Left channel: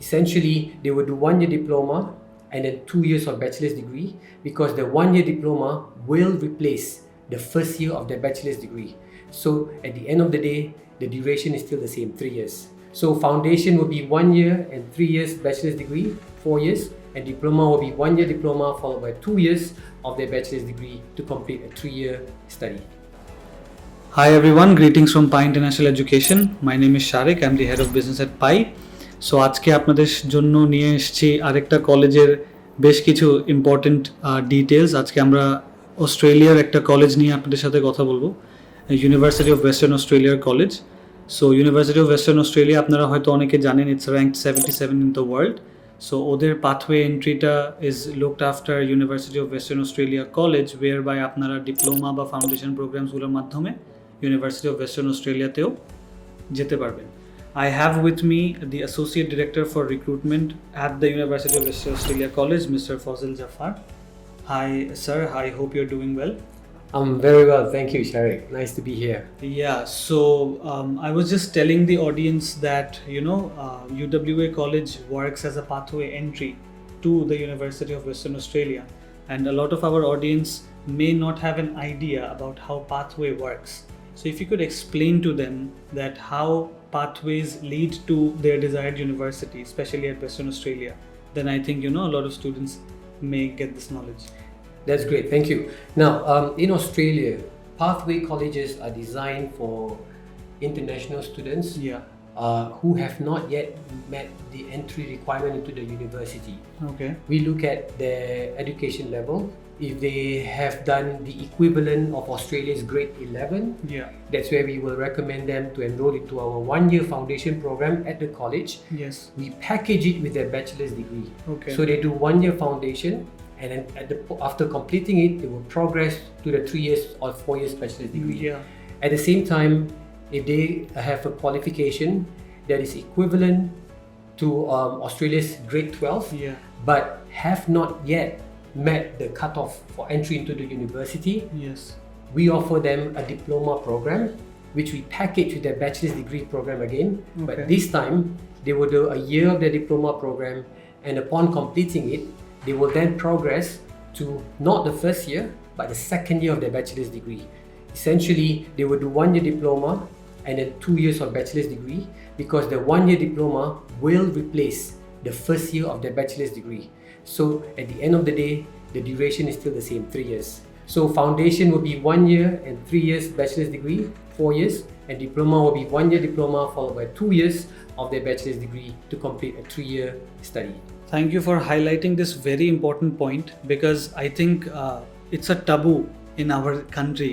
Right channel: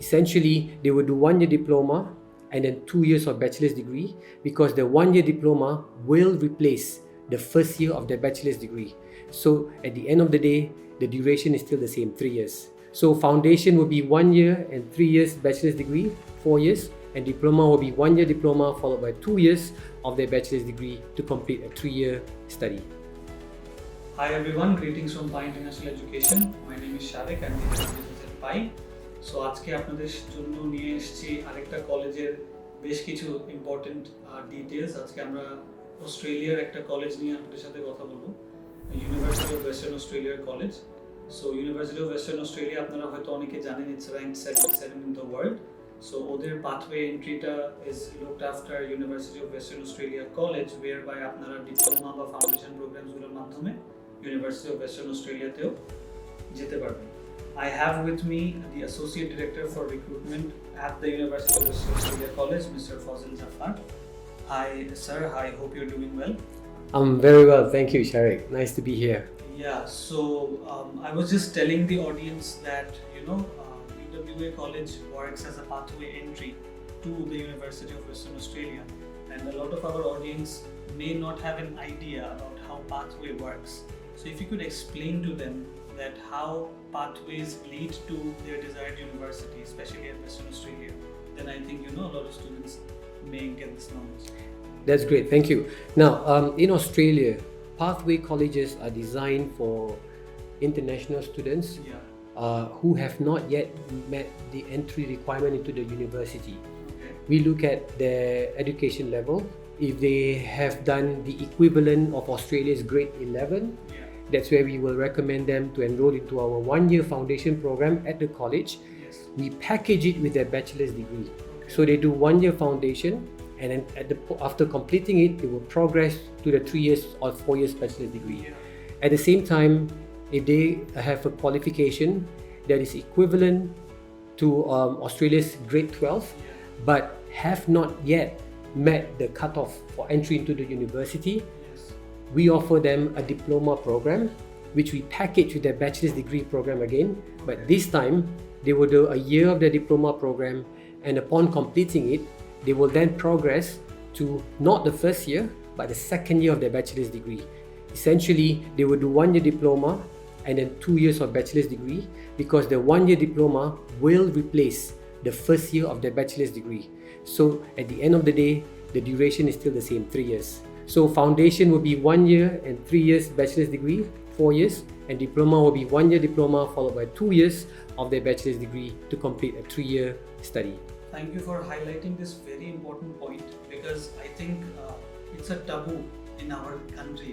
Essentially, they will do 1 year diploma and then 2 years of bachelor's degree, because the 1 year diploma will replace the first year of their bachelor's degree. So at the end of the day, the duration is still the same, 3 years. So foundation will be 1 year and 3 years bachelor's degree, 4 years, and diploma will be 1 year diploma followed by 2 years of their bachelor's degree to complete a 3-year study. Hi everyone, greetings from 𝐴 International Education. My name is Sharik, I'm the head of business at 𝐴। So আজকে আপনাদের জন্য নিয়ে এসেছি আরেকটা কলেজের বেশ কিছু important details. আজকে আমরা অস্ট্রেলিয়ার একটা কলেজ নিয়ে আপনাদের সাথে কথা বলবো, ইউনিভার্সিটি অফ ওয়েস্টার্ন অস্ট্রেলিয়ার college. So university of western Australia আপনারা হয়তো অনেকে জানেন, it's ranked 77 in the world. So ওদের পাথওয়ে এন্ট্রিটা is looked after university of western Australia college, whereby আপনারা ডিপ্লোমা বা ফাউন্ডেশন প্রোগ্রামসগুলোর মাধ্যমে ইউনিভার্সিটি অফ ওয়েস্টার্ন অস্ট্রেলিয়াতেও যেতে পারবেন। I have with me the Associate Director for Recruitment at the University of Western Australia College, Mr. Fazil Jafar. Hi, sir. I hope you're doing well. I'm very well, thank you, Sharik. Nice to be here. Yeah, so I was just telling the audience that, UWA College works as a pathway entry to the University of Western Australia. And a lot of our audience may not have an idea about how pathway works. So if you could explain to them that how pathways lead to their desired university, especially at Western Australia, then I think a lot of students may get this knowledge. That's great, thank you. Now, in Australia, pathway colleges are designed for international students who have not yet met the entry requirement into the university. Okay. We look at their education level. If they have done the equivalent of Australia's grade 11, that's where we will recommend them to enroll into our 1-year foundation program at the college. Yes. We package it with their bachelor's degree. Okay. So they do 1-year foundation, and then after completing it, they will progress to the 3 years or 4 years bachelor's degree. Yeah. At the same time, if they have a qualification that is equivalent to Australia's grade 12, but have not yet met the cutoff for entry into the university, we offer them a diploma program, which we package with their bachelor's degree program again. But this time, they will do a year of their diploma program, and upon completing it, they will then progress to not the first year, but the second year of their bachelor's degree. Essentially, they will do 1 year diploma and then 2 years of bachelor's degree, because the 1-year diploma will replace the first year of their bachelor's degree. So at the end of the day, the duration is still the same, 3 years. So foundation will be 1 year and 3 years bachelor's degree, 4 years, and diploma will be 1-year diploma followed by 2 years of their bachelor's degree to complete a 3-year study. Thank you for highlighting this very important point, because I think it's a taboo in our country,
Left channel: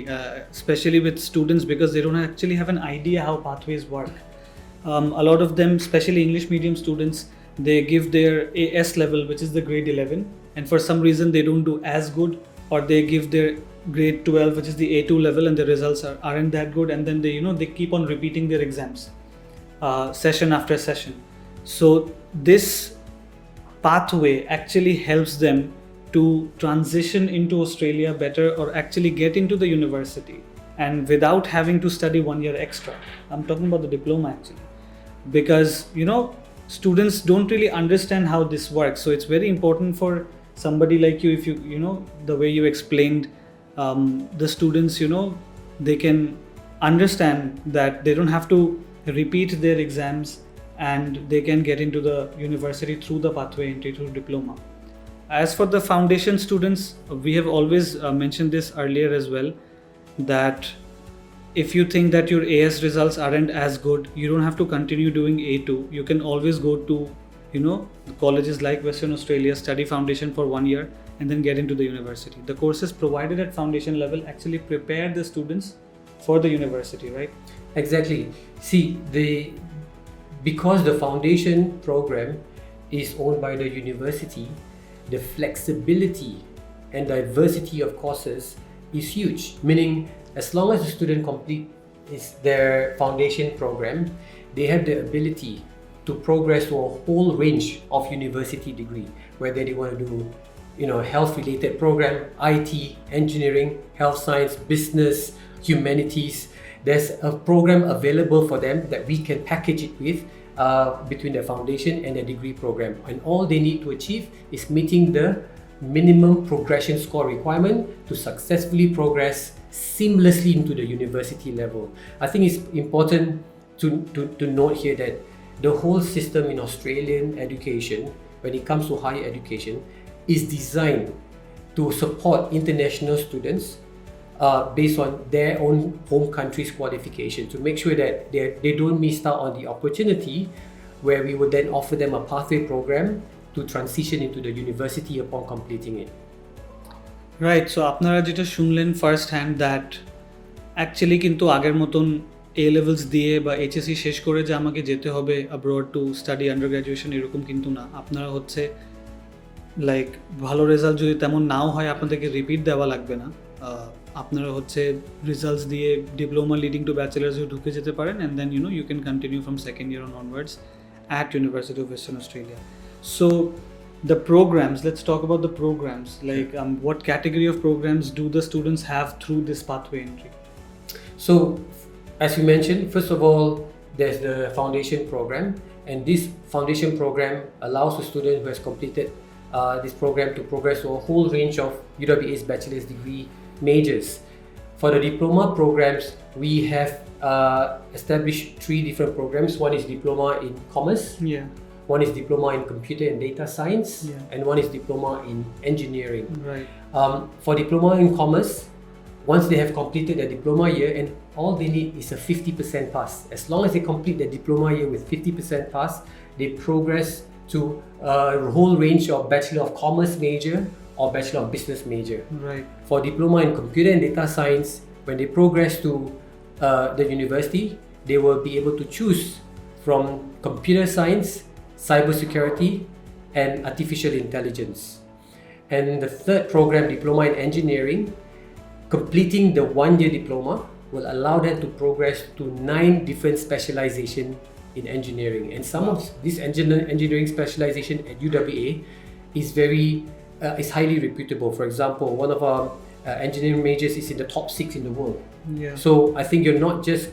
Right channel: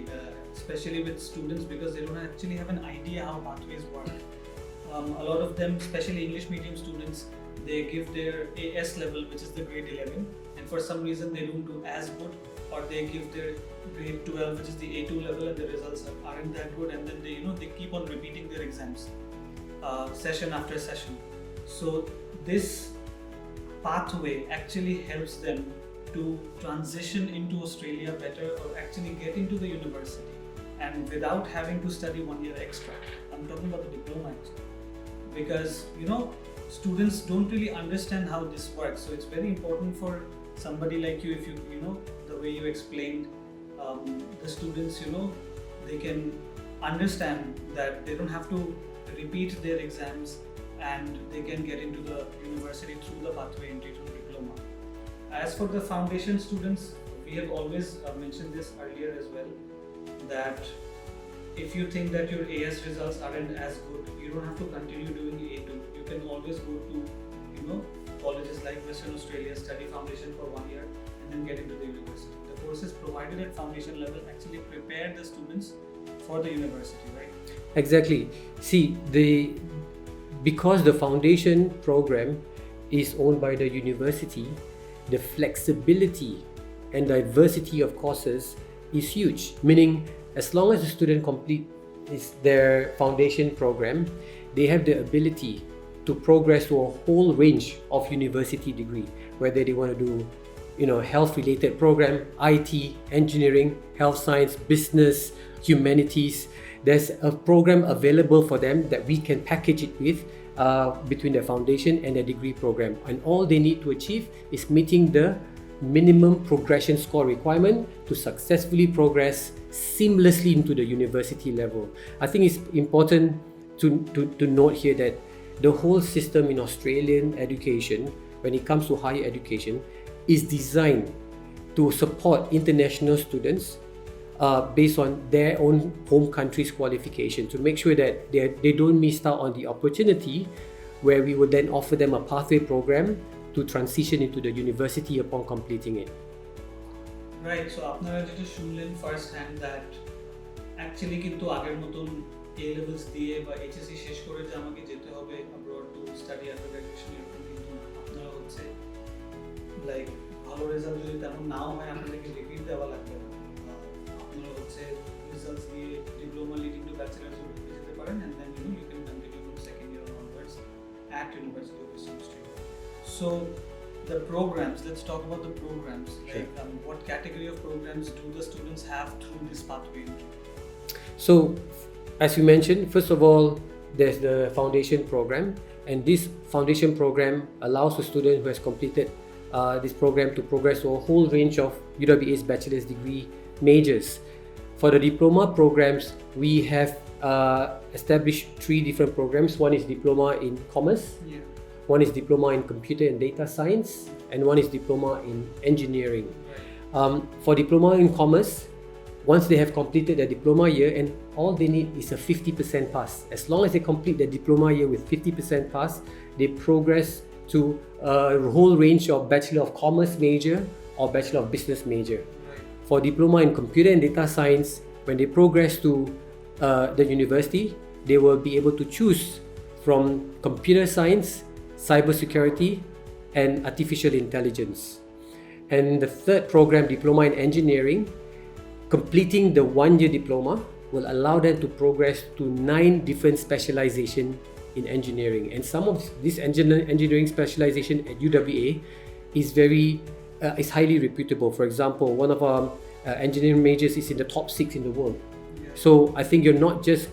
especially with students, because they don't actually have an idea how pathways work. A lot of them, especially English medium students, they give their AS level, which is the grade 11, and for some reason they don't do as good, or they give their grade 12, which is the A2 level, and the results aren't that good, and then they keep on repeating their exams session after session. So this pathway actually helps them to transition into Australia better, or actually get into the university, and without having to study 1 year extra. I'm talking about the diploma actually, because students don't really understand how this works. So it's very important for somebody like you, if you the way you explained, the students, they can understand that they don't have to repeat their exams, and they can get into the university through the pathway entry through diploma. As for the foundation students, we have always mentioned this earlier as well, that if you think that your AS results aren't as good, you don't have to continue doing A2. You can always go to, colleges like Western Australia, study foundation for 1 year, and then get into the university. The courses provided at foundation level actually prepare the students for the university, right? Exactly. See, because the foundation program is owned by the university, the flexibility and diversity of courses is huge, meaning as long as the student completes their foundation program, they have the ability to progress to a whole range of university degree, whether they want to do health related program, IT, engineering, health science, business, humanities. There's a program available for them that we can package it with between their foundation and their degree program. And all they need to achieve is meeting the minimum progression score requirement to successfully progress seamlessly into the university level. I think it's important to note here that the whole system in Australian education, when it comes to higher education, is designed to support international students based on their own home country's qualification, to make sure that they don't miss out on the opportunity where we would then offer them a pathway program to transition into the university upon completing it. Right, so আপনারা যেটা শুনলেন first hand that actually কিন্তু আগের মতন এ levels দিয়ে বা HSC শেষ করে যে আমাকে যেতে হবে abroad to study under graduation এরকম কিন্তু না। আপনারা হচ্ছে লাইক ভালো রেজাল্ট যদি তেমন নাও হয় আপনাদেরকে রিপিট দেওয়া লাগবে না, আপনারা হচ্ছে রিজাল্টস দিয়ে ডিপ্লোমা লিডিং টু ব্যাচেলার্সে ঢুকে যেতে পারেন and then you can continue from second year onwards at University of Western Australia. So the programs, let's talk about the programs. Like what category of programs do the students have through this pathway entry? So as you mentioned, first of all, there's the foundation program, and this foundation program allows the student who has completed this program to progress to a whole range of UWA's bachelor's degree majors. For the diploma programs, we have established 3 different programs. One is diploma in commerce, one is diploma in computer and data science, and one is diploma in engineering. Right. For diploma in commerce, once they have completed their diploma year, and all they need is a 50% pass. As long as they complete their diploma year with 50% pass, they progress to a whole range of Bachelor of Commerce major or Bachelor of Business major. Right. For diploma in computer and data science, when they progress to the university, they will be able to choose from computer science, cybersecurity, and artificial intelligence. And the third program, diploma in engineering, completing the 1-year diploma will allow them to progress to 9 different specializations in engineering. And some of this engineering specialization at UWA is highly reputable. For example, one of our engineering majors is in the top 6 in the world. So I think you're not just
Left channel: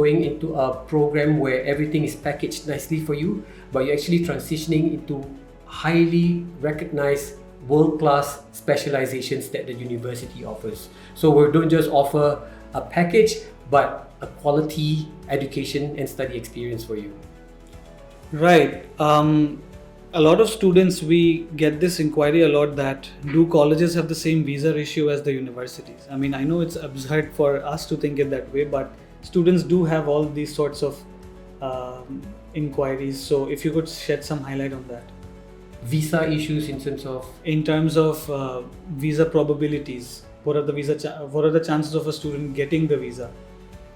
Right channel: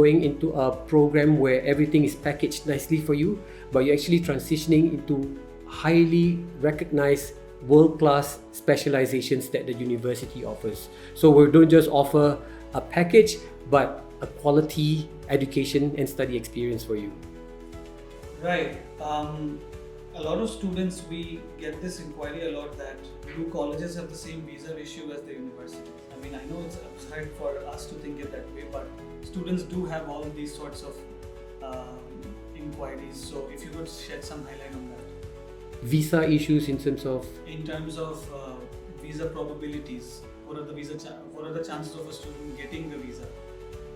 going into a program where everything is packaged nicely for you, but you're actually transitioning into highly recognized world-class specializations that the university offers. So we don't just offer a package, but a quality education and study experience for you. Right. A lot of students, we get this inquiry a lot that do colleges have the same visa ratio as the universities? I mean, I know it's absurd for us to think it that way, but students do have all these sorts of inquiries. So if you could shed some highlight on that. Visa issues in terms of visa probabilities. What are the chances of a student getting the visa?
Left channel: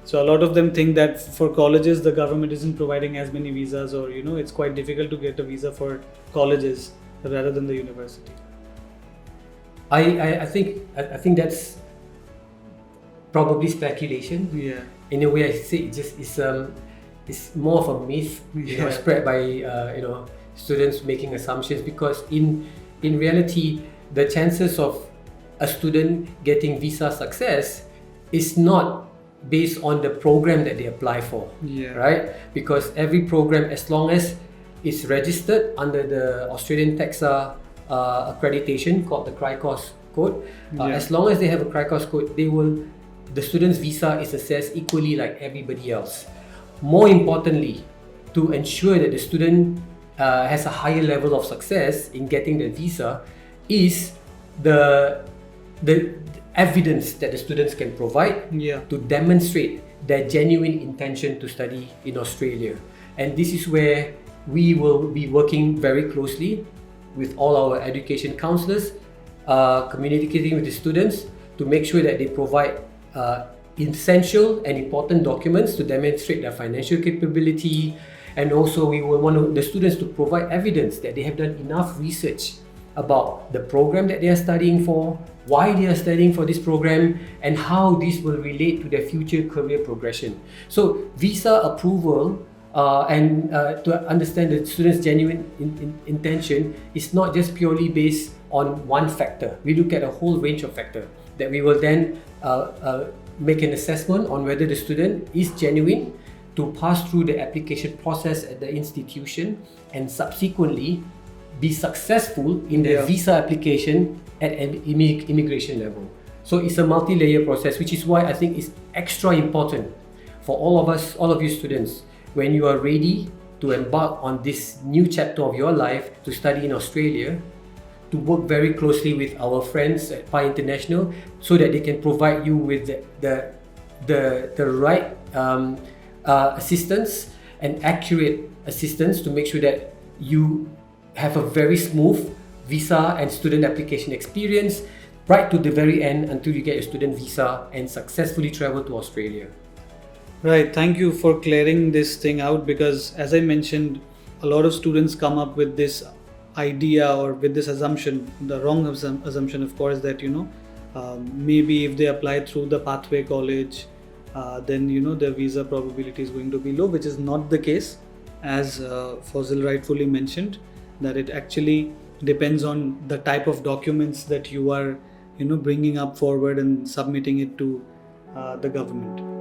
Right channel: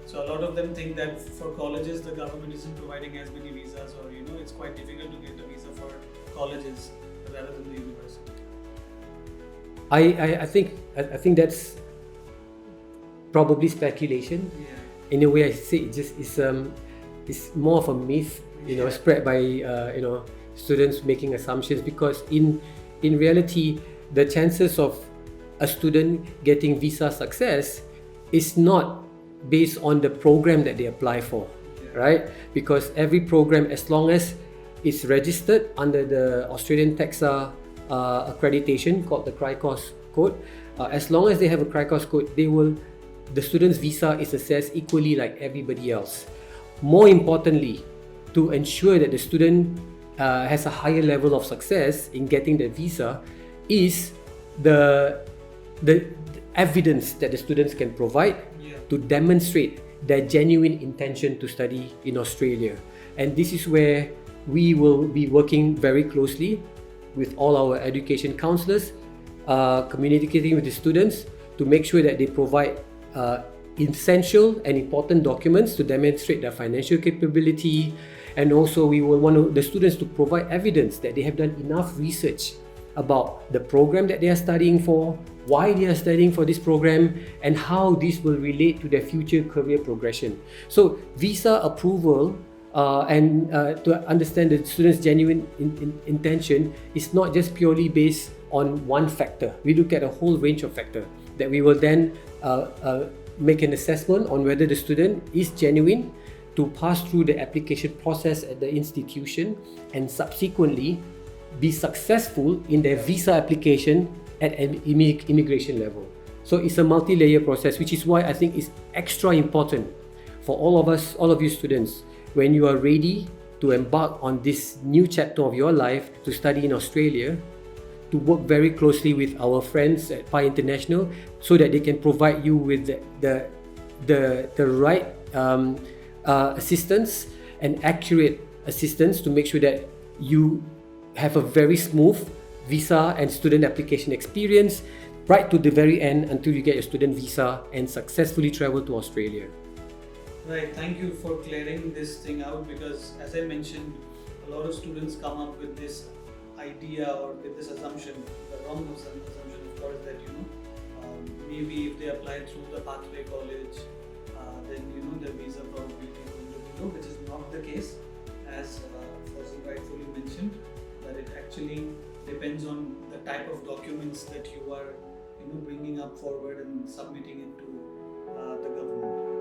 So a lot of them think that for colleges the government isn't providing as many visas, or it's quite difficult to get a visa for colleges rather than the university. I think that's probably speculation. In a way, I say it's more of a myth, spread by students making assumptions, because in reality the chances of a student getting visa success is not based on the program that they apply for, right? Because every program, as long as it's registered under the Australian TAXA accreditation called the CRICOS code, as long as they have a CRICOS code, the student's visa is assessed equally like everybody else. More importantly, to ensure that the student has a higher level of success in getting the visa is the evidence that the students can provide to demonstrate their genuine intention to study in Australia. And this is where we will be working very closely with all our education counsellors, communicating with the students to make sure that they provide essential and important documents to demonstrate their financial capability. And also we will want the students to provide evidence that they have done enough research about the program that they are studying for, why they are studying for this program, and how this will relate to their future career progression. So visa approval and to understand the student's genuine intention is not just purely based on one factor. We look at a whole range of factors that we will then make an assessment on whether the student is genuine to pass through the application process at the institution and subsequently be successful in their visa application at an immigration level. So it's a multi-layer process, which is why I think it's extra important for all of us, all of you students, when you are ready to embark on this new chapter of your life to study in Australia, to work very closely with our friends at Pi International so that they can provide you with the right assistance and accurate assistance to make sure that you have a very smooth visa and student application experience right to the very end until you get your student visa and successfully travel to Australia. Right, thank you for clearing this thing out, because as I mentioned, a lot of students come up with this idea or with this assumption, the wrong assumption of course, that maybe if they apply through the pathway college, then their visa probability is going to be low, which is not the case, as Fazil rightfully mentioned, that it actually depends on the type of documents that you are bringing up forward and submitting it to the government.